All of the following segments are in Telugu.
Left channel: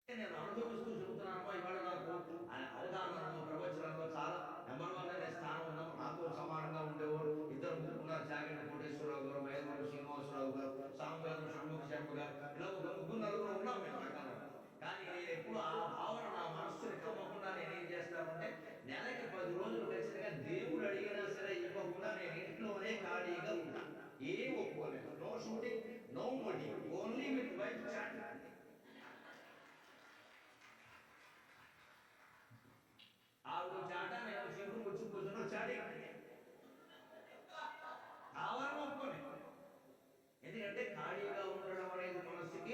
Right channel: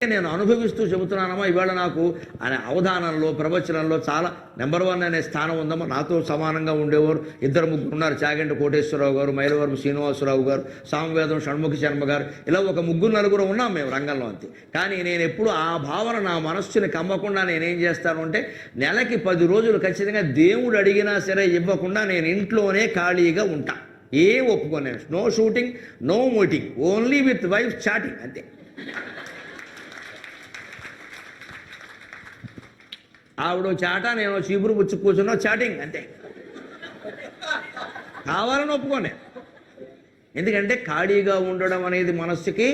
నేను అనుభవిస్తూ చెబుతున్నానమ్మా. ఇవాళ నాకు అనే అవధానంలో ప్రవచనంలో చాలా నెంబర్ 1 అనే స్థానం ఉందమ్మా. నాతో సమానంగా ఉండేవారు ఇద్దరు ముగ్గురు ఉన్నారు. చాగంటి కోటేశ్వరరావు గారు, మైలవరపు శ్రీనివాసరావు గారు, సామవేదం షణ్ముఖి శర్మ గారు, ఇలా ఒక ముగ్గురు నలుగురు ఉన్నాం మేము రంగంలో. అంతే. కానీ నేను ఎప్పుడు ఆ భావన నా మనస్సుని కమ్మకుండా నేనేం చేస్తాను అంటే, నెలకి 10 రోజులు ఖచ్చితంగా దేవుడు అడిగినా సరే ఇవ్వకుండా నేను ఇంట్లోనే ఖాళీగా ఉంటా. ఏం ఒప్పుకోను. No shooting, no meeting, only with wife chatting, అంతే. ఆవిడ చాట, నేను చీపురు పుచ్చి కూర్చున్నా చాటింగ్, అంతే. కావాలని ఒప్పుకోనే. ఎందుకంటే ఖాళీగా ఉండడం అనేది మనస్సుకి,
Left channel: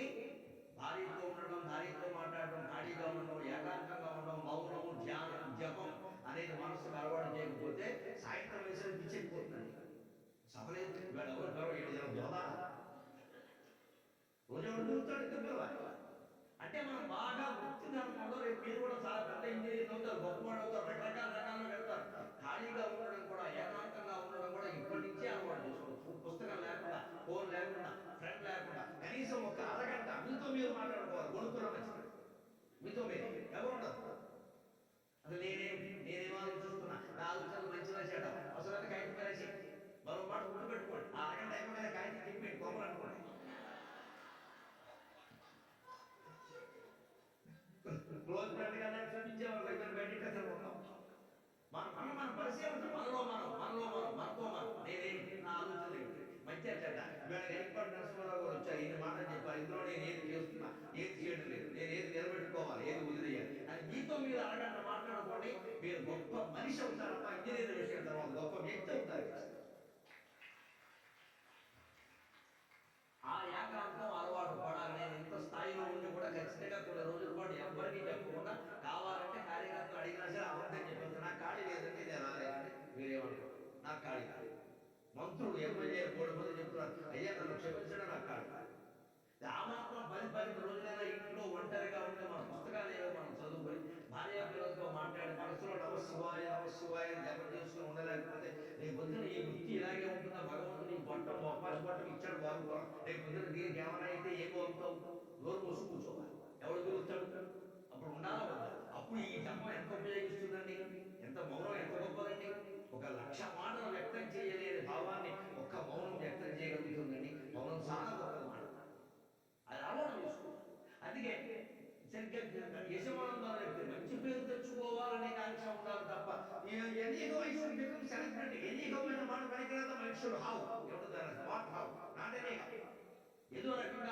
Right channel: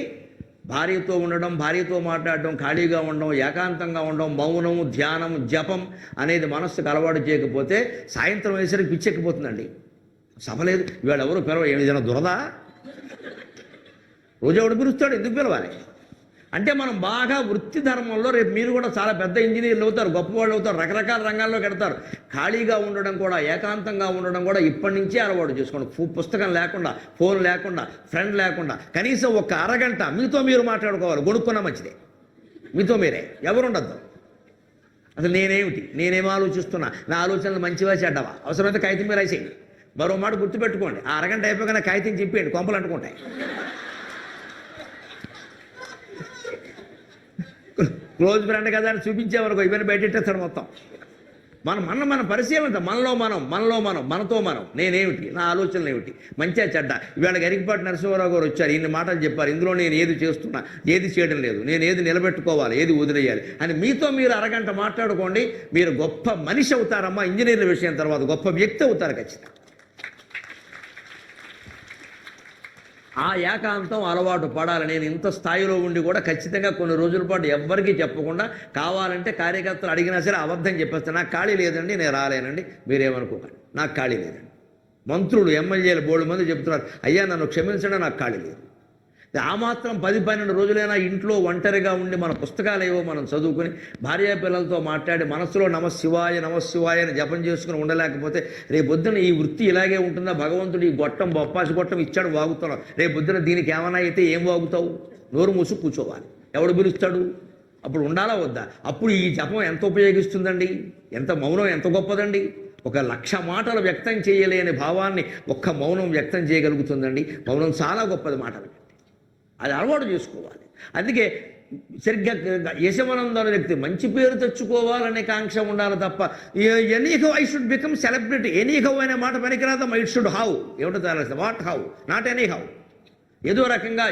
భార్యతో ఉండడం, భార్యతో మాట్లాడడం, ఖాళీగా ఉండడం, ఏకాంతంగా ఉండడం, మౌనం, ధ్యానం, జపం అనేది మనస్సుకు అలవాటు చేయకపోతే సాయంత్రం వేసరికి పిచ్చెక్కిపోతుందండి. సభ లేదు, ఇవాళ ఎవరు పిలవ, ఏదైనా దురదా, రోజు ఎవడు పిలుస్తాడు, ఎందుకు పిలవాలి అంటే మనం బాగా వృత్తి ధర్మంలో, రేపు మీరు కూడా చాలా పెద్ద ఇంజనీర్లు అవుతారు, గొప్పవాళ్ళు అవుతారు, రకరకాల రంగాల్లో పెడతారు. ఖాళీగా ఉండడం కూడా, ఏకాంతంగా ఉండడం కూడా ఇప్పటి నుంచే అలవాటు చేసుకోండి. పుస్తకం లేకుండా, ఫోన్ లేకుండా, ఫ్రెండ్ లేకుండా, కనీసం ఒక అరగంట మీతో మీరు మాట్లాడుకోవాలి. గొడుక్కున్నా మంచిదే, మీతో మీరే, ఎవరు ఉండద్దు. అసలు నేనేమిటి, నేనేం ఆలోచిస్తున్నా, నా ఆలోచనలు మంచివా చెడ్డవా, అవసరమైతే కాగితం మీద రాసేయండి. మరో మాట గుర్తుపెట్టుకోండి, ఆ అరగంట అయిపోగానే కాగితం చెప్పేయండి, కొంపలు అంటుకుంటాయి. క్లోజ్ ఫ్రెండ్ కదా అని చూపించేవరకు ఇవన్నీ బయటెట్టేస్తాడు మొత్తం. మన పరిశీలన, మనలో మనం, మనతో మనం, నేనేమిటి, నా ఆలోచనలు ఏమిటి, మంచిగా చెడ్డ. ఇవాళ గరికపాటి నరసింహారావు గారు వచ్చారు, ఇన్ని మాటలు చెప్పారు. ఇందులో నేను ఏది చేస్తున్నా, ఏది చేయడం లేదు, నేను ఏది నిలబెట్టుకోవాలి, ఏది వదిలేయాలి అని మీతో మీరు అరగంట మాట్లాడుకోండి. మీరు గొప్ప మనిషి అవుతారమ్మా. ఇంజనీర్ల విషయం తర్వాత గొప్ప వ్యక్తి అవుతారు ఖచ్చితంగా. ఆ ఏకాంతం అలవాటు పడాలి. నేను ఇంత స్థాయిలో ఉండి కూడా ఖచ్చితంగా కొన్ని రోజుల పాటు ఎవ్వరికీ చెప్పకుండా, కావాలంటే కార్యకర్తలు అడిగినా సరే అబద్ధం చెప్పేస్తాను. నాకు ఖాళీ లేదండి, నేను రాలేనండి, మీరేమనుకోకండి, నాకు ఖాళీ లేదండి. మంత్రులు, ఎమ్మెల్యేలు బోల్డ్ మంది చెప్తున్నారు, అయ్యా నన్ను క్షమించండి, నాకు ఖాళీ లేదు. ఆ మాత్రం 10-12 రోజులైనా ఇంట్లో ఒంటరిగా ఉండి మన పుస్తకాలు ఏవో మనం చదువుకుని, భార్యా పిల్లలతో మాట్లాడి మనస్సులో నమశివాయ నమశివాయ అని జపం చేసుకుని ఉండలేకపోతే రేపొద్దున ఈ వృత్తి ఇలాగే ఉంటుందా? భగవంతుడు ఈ గొట్టం, బొప్పాసి గొట్టం ఇచ్చాడు, వాగుతున్నావు. రేపొద్దున దీనికి ఏమైనా అయితే ఏం వాగుతావు? నోరు మూసు కూర్చోవాలి. ఎవడు పిలుస్తాడు? అప్పుడు ఉండాలా వద్దా? అప్పుడు ఈ జపం ఎంత ఉపయోగిస్తుందండి? ఎంత మౌనం ఎంత గొప్పదండి! 1,00,000 మాటలు వ్యక్తం చేయలేని భావాన్ని ఒక్క మౌనం వ్యక్తం చేయగలుగుతుందండి. మౌనం చాలా గొప్పది. మాటలు అది అలవాటు చేసుకోవాలి. అందుకే సరిగ్గా యశవనంద అనే వ్యక్తి మంచి పేరు తెచ్చుకోవాలనే కాంక్ష ఉండాలి తప్ప, anyhow I should become celebrity, anyhow అనే మాట పనికిరాదమ్మా. ఇట్ షుడ్ హౌ, ఏమిటో తేలాల్సింది. What how, not anyhow. ఏదో రకంగా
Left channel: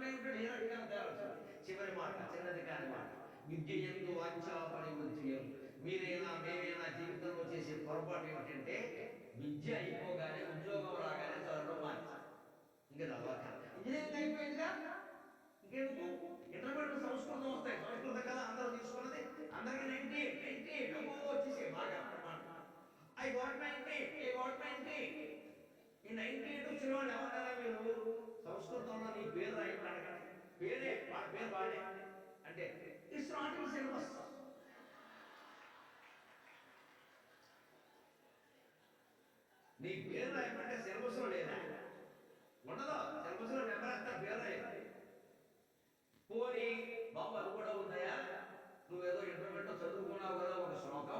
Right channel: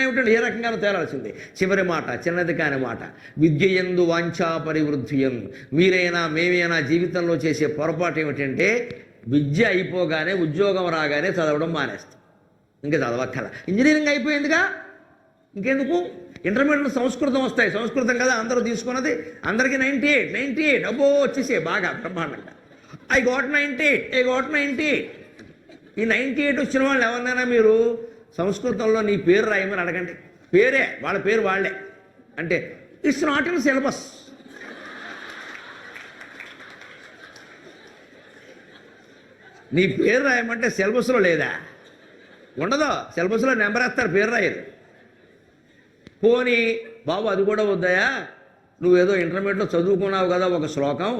ఏమిటండి, ఏ రకంగానూ తేలాల్సిందే. చివరి మాట, చిన్నది కాని మాట, విద్యయందు వాంఛా పరివృద్ధియం. మీరైనా మేమైనా జీవితంలో చేసే పొరపాటు ఏమిటంటే, విద్య అయిపోగానే, ఉద్యోగం రాగానే చదవడం మానేస్తాం. ఇంకా చదవక్కల, ఇంజనీరింగ్ అయిపోయిందిగా, ఇంకెందుకు? ఇంటర్మీడియట్ సంస్కృతం వస్తాయి, సంస్కృతం కదా అందరూ తీసుకున్నది. అందరికీ 98 అబ్బో వచ్చేసే బాగా బ్రహ్మాండంగా. I got 98. ఈ 98 వచ్చిన వాళ్ళు ఎవరినైనా మీరు సంస్కృతంలో నీ పేరు రాయమని అడగండి. పేరే, వాళ్ళ పేరు వాళ్ళే అంటే ఇట్స్ నాట్ ఇన్ సిలబస్. నీ పేరు రాయమంటే సిలబస్లో లేదా? ఉండదు. సిలబస్లో నెంబర్ వేస్తారు, పేరు రాయరు. పోనీ బాబు అది కూడా వద్దాయా, నువ్వేదో ఇంటర్మీడియట్లో చదువుకున్నావు కదా ఒక శ్లోకం,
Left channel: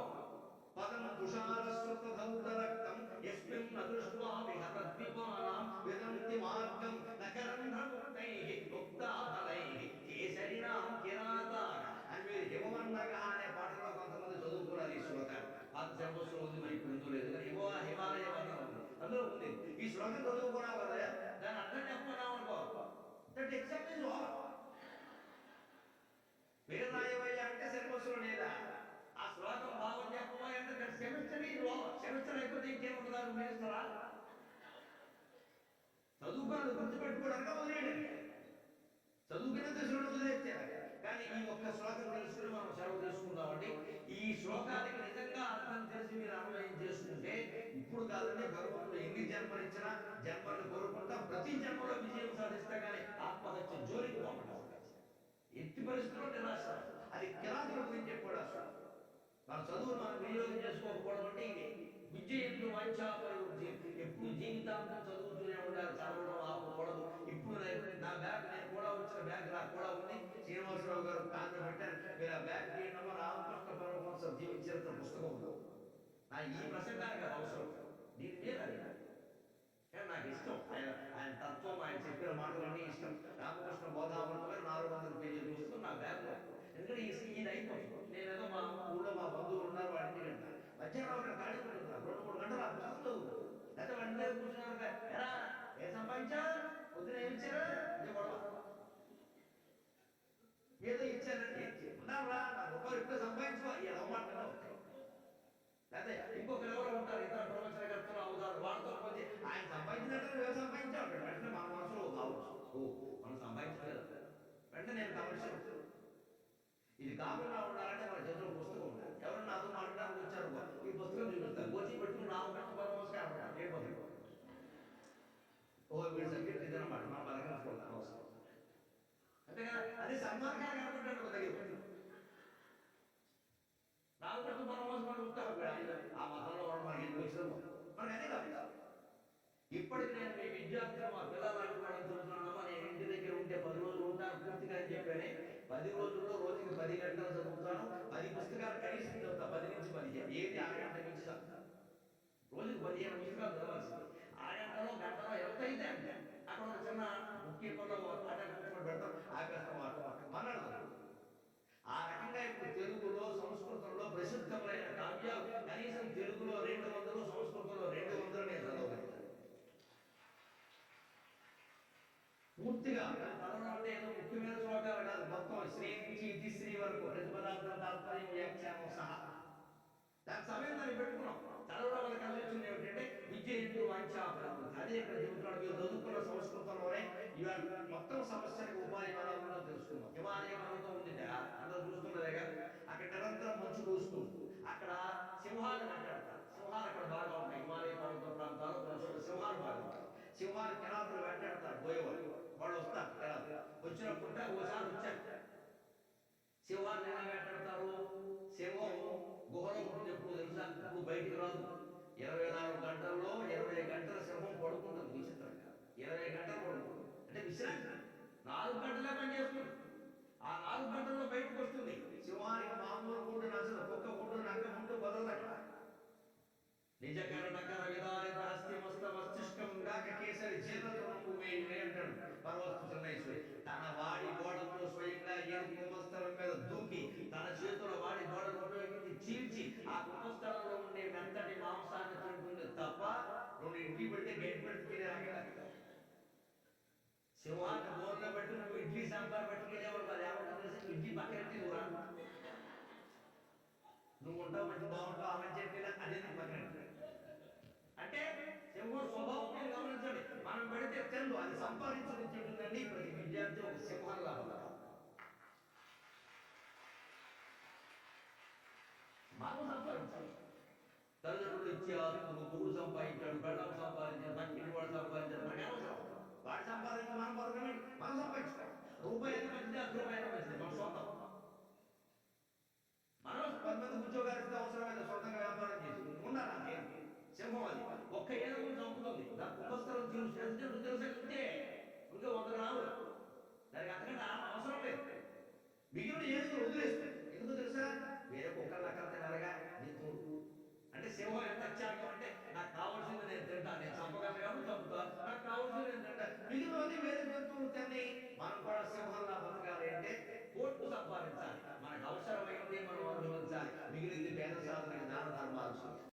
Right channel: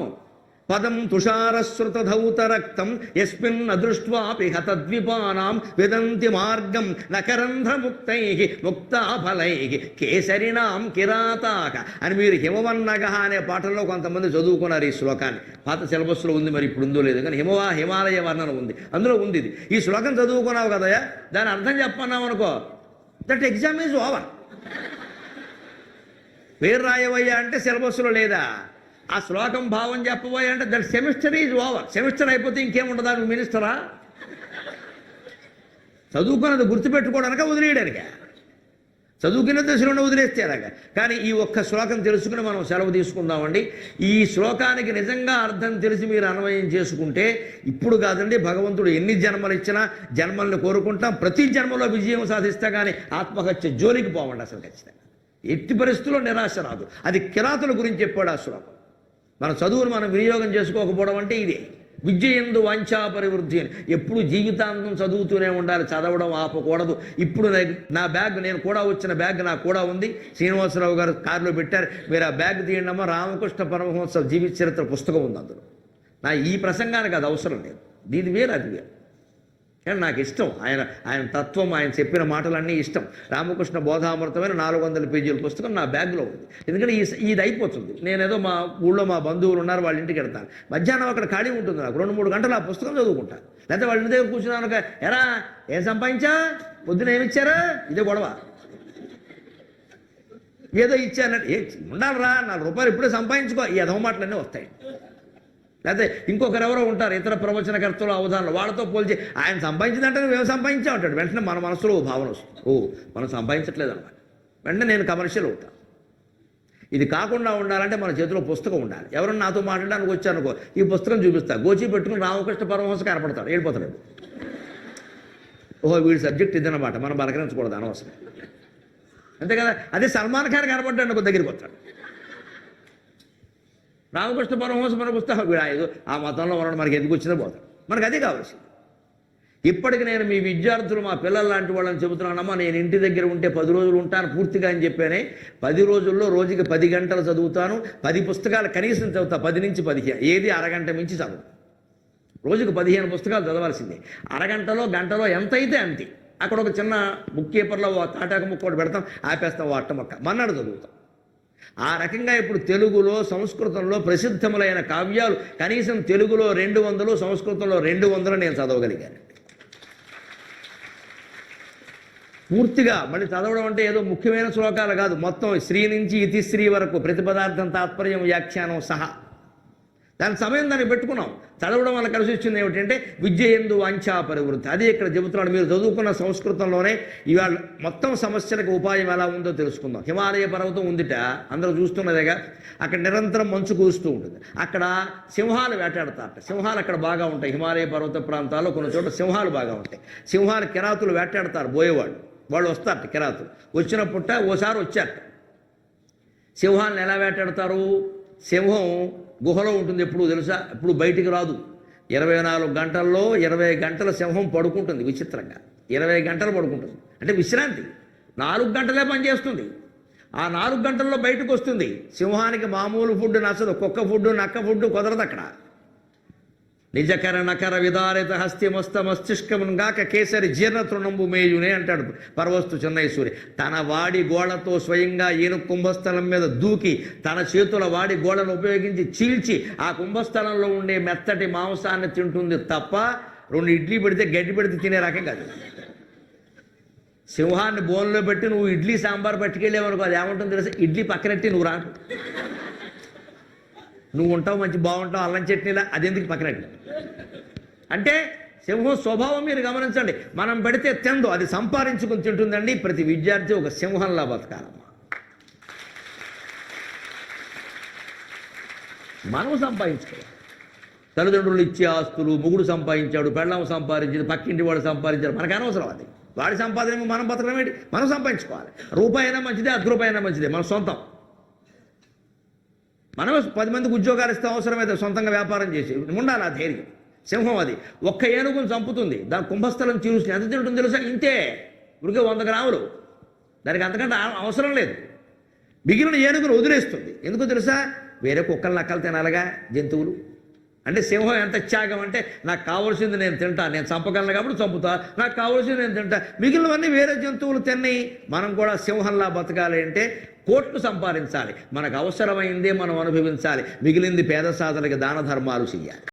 పదం తుషారశ్రుత ధౌత రక్తం యస్మిన్ అదృష్ట్వాపి హతద్విపానాం విదంతి మార్గం నకరంధ్రముక్తై ముక్తాఫలై కేసరినాం కిరాతాక అని మీరు హిమవన్నగ అనే పాటల్లో కొంతమంది చదువుకున్నారు ఈ శ్లోకాన్ని. పాత సిలబస్లో ఉంది, మరి ఇప్పుడు ఉందో లేదు కానీ హిమాలయ వర్ణన ఉంది, అందులో ఉంది ఇది. ఈ శ్లోకం చదువుకున్నావు కదయా, దాని అర్థం చెప్పన్నావు అనుకో, దట్ ఎగ్జామ్ ఈజ్ ఓవర్. పేరు రాయవయ్యా అంటే సిలబస్లో లేదా, ఆ శ్లోకం భావం చెప్పబోయా అంటే that semester is over. Semester అయిపోతే ఇంకేముండదా? నువ్వు మినిస్టరా? చదువుకున్నది గుర్తుపెట్టుకోవడానిక, వదిలేయడానిక? చదువుకున్న దశలోనే వదిలేస్తే అలాగా. కానీ ఈ ఒక్క శ్లోకం తెలుసుకుని మనం సెలవు తీసుకుందామండి. ఈ శ్లోకానికి నిజంగా అర్థం తెలిసి మీరు అన్వయం చేసుకుంటే, ఇప్పుడు కాదండి, భగవంతుడు ఎన్ని జన్మలు ఇచ్చినా జన్మల్ని కోరుకుంటాం, ప్రతి జన్మలో విజయం సాధిస్తా కానీ ఆత్మహత్య జోలికి పోవండి అసలు. ఖచ్చితంగా ఎట్టి పరిస్థితుల్లో నిరాశ రాదు. అది కిరాతుల గురించి చెప్పాడు ఆ శ్లోకం. మన చదువును మనం వినియోగం చేసుకోకపోవడం అంటే ఇదే. విద్య యందు వాంఛా పరివృద్ధి అని. ఎప్పుడు జీవితాంతం చదువుతూనే ఉండాలి, చదవడం ఆపకూడదు. ఇప్పుడు నా బ్యాగ్, నేను కూడా వచ్చిన బ్యాగ్ నాకు కూడా ఉంది, శ్రీనివాసరావు గారు కారులో పెట్టారు, మీరు ఆ బ్యాగ్ తీయండమ్మా, రామకృష్ణ పరమహంస జీవిత చరిత్ర పుస్తకం ఉంది అందులో. నా ఈ ప్రసంగానికి అది అవసరం లేదు, దీని వేరు అది వేరు. కానీ నాకు ఇష్టం ఆయన తత్వం, ఆయన చెప్పిన మాటలన్నీ ఇష్టం. రామకృష్ణ బోధామృతమైన 400 పేజీల పుస్తకం నా బ్యాగ్లో ఉంది. ఎందుకంటే ఇది అయిపోతుంది, నేనేదో మా ఊళ్ళో మా బంధువులు ఉన్నారు, వాళ్ళ ఇంటికి వెళ్తాను, మధ్యాహ్నం అక్కడ ఖాళీ ఉంటుంది, నాకు 2-3 గంటలు ఆ పుస్తకం చదువుకుంటా. లేకపోతే వాళ్ళ ఇంటి దగ్గర కూర్చున్నాను, ఎరా ఏం సంపాదించా, పొద్దున ఏమిచ్చారా, ఇదే గొడవ. ఏదో ఇచ్చానంటే ఉండాలిరా, 4 రూపాయలు ఇప్పుడే సంపాదించుకో, ఈ ఎదవ మాటలన్నీ వస్తాయి. లేకపోతే ఇంకొకరెవరో ఉంటారు ఇతర ప్రవచనకర్తలు, అవధానాలు, వాళ్ళతో పోల్చి ఆయన సంపాదించిందంటే నువ్వేం సంపాదించావు అంటాడు. వెంటనే మన మనసులో భావన వస్తుంది, మనం సంపాదించట్లేదు అన్నమాట. వెంటనే నేను కమర్షియల్ అవుతాను. ఇది కాకుండా ఉండాలంటే మన చేతిలో పుస్తకం ఉండాలి. ఎవరన్నా నాతో మాట్లాడడానికి వచ్చానుకో, ఈ పుస్తకం చూపిస్తా, గోచి పెట్టుకుని రామకృష్ణ పరమహంస కనపడతాడు, వెళ్ళిపోతాడు. వీడి సబ్జెక్ట్ ఇదన్నమాట, మనం బలకరించకూడదు అనవసరం, అంతే కదా. అదే సల్మాన్ ఖాన్ కనపడ్డాడు అనుకో, దగ్గరికి వస్తాడు. రామకృష్ణ పరమహంస మన పుస్తకం, ఆ మతంలో మనం మనకి ఎందుకు వచ్చిందో పోతాం, మనకు అదే కావాల్సింది. ఇప్పటికి నేను మీ విద్యార్థులు, మా పిల్లల లాంటి వాళ్ళని చెబుతున్నానమ్మా, నేను ఇంటి దగ్గర ఉంటే 10 రోజులు ఉంటాను పూర్తిగా అని చెప్పానే. 10 రోజుల్లో రోజుకి 10 గంటలు చదువుతాను, 10 పుస్తకాలు కనీసం చదువుతా, 10 నుంచి 15, ఏది అరగంట మించి చదువు. రోజుకు 15 పుస్తకాలు చదవాల్సిందే. అరగంటలో గంటలో ఎంత అయితే అంతే. అక్కడ ఒక చిన్న బుక్ కీపర్లో తాటాక ముక్క ఒకటి పెడతాం, ఆపేస్తాం, అట్ట మొక్క మన్నాడు చదువుతాం. ఆ రకంగా ఇప్పుడు తెలుగులో సంస్కృతంలో ప్రసిద్ధములైన కావ్యాలు కనీసం తెలుగులో 200, సంస్కృతంలో 200 నేను చదవగలిగాను పూర్తిగా. మళ్ళీ చదవడం అంటే ఏదో ముఖ్యమైన శ్లోకాలు కాదు, మొత్తం శ్రీ నుంచి ఇతిశ్రీ వరకు ప్రతి పదార్థం తాత్పర్యం వ్యాఖ్యానం సహా. దాని సమయం దాన్ని పెట్టుకున్నాం. చదవడం వల్ల కలిసి వచ్చింది ఏమిటంటే విద్య యందు వాంఛా పరివృద్ధి. అదే ఇక్కడ చెబుతున్నాడు. మీరు చదువుకున్న సంస్కృతంలోనే ఇవాళ మొత్తం సమస్యలకు ఉపాయం ఎలా ఉందో తెలుసుకుందాం. హిమాలయ పర్వతం ఉందిట, అందరూ చూస్తున్నదేగా, అక్కడ నిరంతరం మంచు కురుస్తూ ఉంటుంది. అక్కడ సింహాలు వేటాడతారట. సింహాలు అక్కడ బాగా ఉంటాయి. హిమాలయ పర్వత ప్రాంతాల్లో కొన్ని చోట్ల సింహాలు బాగా ఉంటాయి. సింహాలు కిరాతులు వేటాడతారు, బోయేవాళ్ళు వాళ్ళు వస్తారట. కిరాతులు వచ్చినప్పుట ఓసారి వచ్చారట. సింహాలను ఎలా వేటాడతారు? సింహం గుహలో ఉంటుంది ఎప్పుడు తెలుసా, ఇప్పుడు బయటికి రాదు. 24 గంటల్లో 20 గంటల సింహం పడుకుంటుంది. విచిత్రంగా 20 గంటలు పడుకుంటుంది, అంటే విశ్రాంతి. 4 గంటలే పనిచేస్తుంది. ఆ 4 గంటల్లో బయటకు వస్తుంది. సింహానికి మామూలు ఫుడ్ నచ్చదు, కుక్క ఫుడ్, నక్క ఫుడ్ కుదరదు అక్కడ. నిజకర నకర విదారిత హస్తిమస్త మస్తిష్కముగాక కేసరి జీర్ణ తృణంబు మేయునే అంటాడు పరవస్తు చెన్నైసూరి. తన వాడి గోళ్లతో స్వయంగా ఈయన కుంభస్థలం మీద దూకి తన చేతుల వాడి గోళ్లను ఉపయోగించి చీల్చి ఆ కుంభస్థలంలో ఉండే మెత్తటి మాంసాన్ని తింటుంది తప్ప 2 ఇడ్లీ పెడితే గడ్డి పెడితే తినే రకం కాదు. సింహాన్ని బోన్లో పెట్టి నువ్వు ఇడ్లీ సాంబార్ పట్టుకెళ్ళేవనుకో, అది ఏమంటుంది తెలుసా, ఇడ్లీ పక్కనెట్టి నువ్వు రా, నువ్వు ఉంటావు మంచి బాగుంటావు అల్లం చట్నీలా, అదెందుకు పక్కనట్టు అంటే. సింహం స్వభావం మీరు గమనించండి. మనం పెడితే తిందో, అది సంపాదించుకుని తింటుందండి. ప్రతి విద్యార్థి ఒక సింహంలా బతకాలమ్మా. మనం సంపాదించుకోవాలి. తల్లిదండ్రులు ఇచ్చే ఆస్తులు, మొగుడు సంపాదించాడు, పెళ్ళాం సంపాదించింది, పక్కింటి వాడు సంపాదించాడు, మనకు అనవసరం. అది వాడి సంపాదన మనం బతకడం ఏంటి? మనం సంపాదించుకోవాలి. రూపాయి అయినా మంచిదే, 10 రూపాయలైనా మంచిదే, మన సొంతం. మనమే 10 మందికి ఉద్యోగాలు ఇస్తే అవసరమైతే సొంతంగా వ్యాపారం చేసి ఉండాలి ఆ ధైర్యం. సింహం అది ఒక్క ఏనుగును చంపుతుంది, దాని కుంభస్థలం చీల్చుకుని ఎంత తింటుంది తెలుసా, ఇంతే, ఉరికే 100 గ్రాములు, దానికి అంతకంటే అవసరం లేదు. మిగిలిన ఏనుగును వదిలేస్తుంది. ఎందుకు తెలుసా, వేరే కుక్కలు నక్కలు తినాలిగా జంతువులు. అంటే సింహం ఎంత త్యాగం అంటే, నాకు కావాల్సింది నేను తింటా, నేను చంపగలను కాబట్టి చంపుతా, నాకు కావాల్సింది నేను తింటా, మిగిలినవన్నీ వేరే జంతువులు తిన్నాయి. మనం కూడా సింహంలా బతకాలి అంటే కోట్లు సంపాదించాలి, మనకు అవసరమైందే మనం అనుభవించాలి, మిగిలింది పేద సాధనకి దాన ధర్మాలు చేయాలి.